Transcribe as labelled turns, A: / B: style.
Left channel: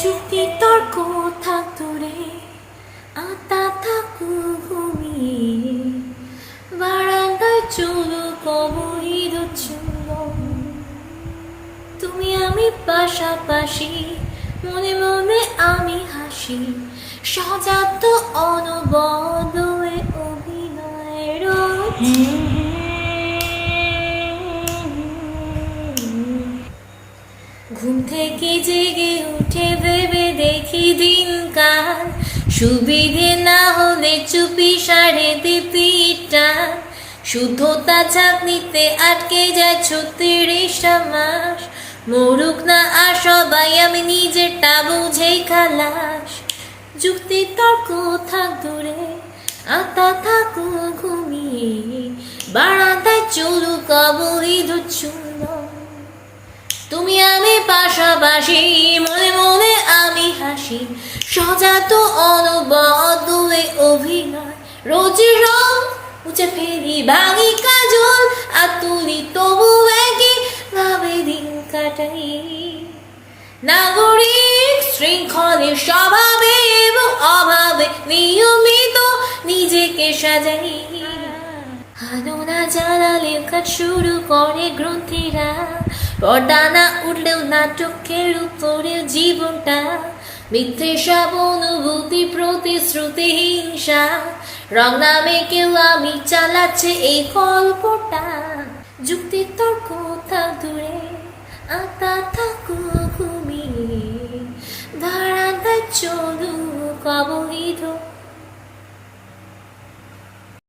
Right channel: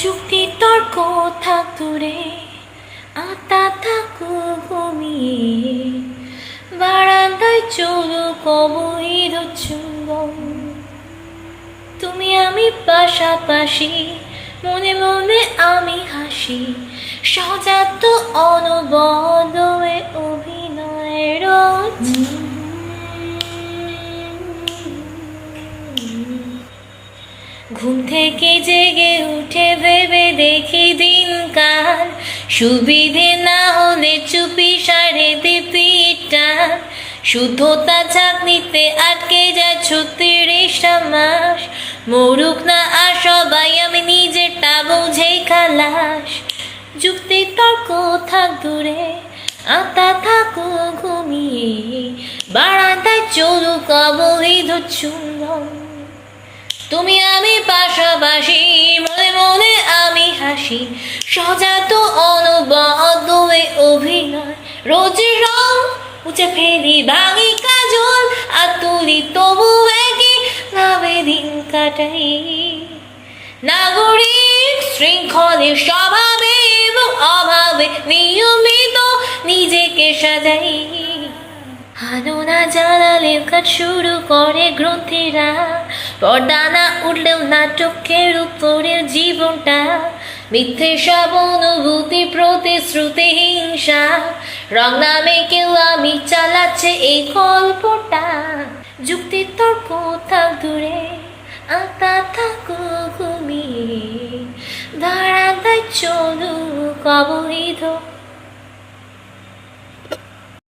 A: যুক্তি তর্ক থাক দূরে আতা থাকু ঘুমিয়ে। বারান্দায় চলো কবইর চুম্বন তুমি আমি পাশাপাশি, মনে মনে আমি হাসি। সজাত অনবদ অভিনয়ের ঘুম থেকে জেগে উঠে সুবিধে না হলে চুপি সারে দিপিটা। শুদ্ধতা চাকরিতে আটকে যা ছত্রিশটা মাস মরুক না আর সবাই, আমি নিজেরটা বুঝেই খালাস। যুক্তি, তর্ক, থাক দূরে, আতা থাকো ঘুমিয়ে। বারান্দায় চলুক অবহিত চুম্বন তুমি আমি পাশাপাশি, মনে মনে আমি হাসি। সজাত অনবদ্য এ অভিনয়। রোজ রং মুছে ফেলি ভাঙি কাজল, আর তুলি তবু একই ভাবে দিন কাটাই। নাগরিক শৃঙ্খলের স্বভাবে এবং অভাবে নিয়মিত নিজেকে সাজাই। হানোনা জ্বালালে কাজ শুরু করে গ্রন্থিরা। পর্দা না উঠলেও নাটকের উপরে জীবনটা। মিথ্যে সব অনুভূতি প্রতিশ্রুতি হিংসা। রং নামে কেউ আমি চালাচ্ছে এই কল্পটা যুক্তি তর্ক থাক দূরে, আতা থাকু ঘুমিয়ে। ধারাটায় চলু অবহিত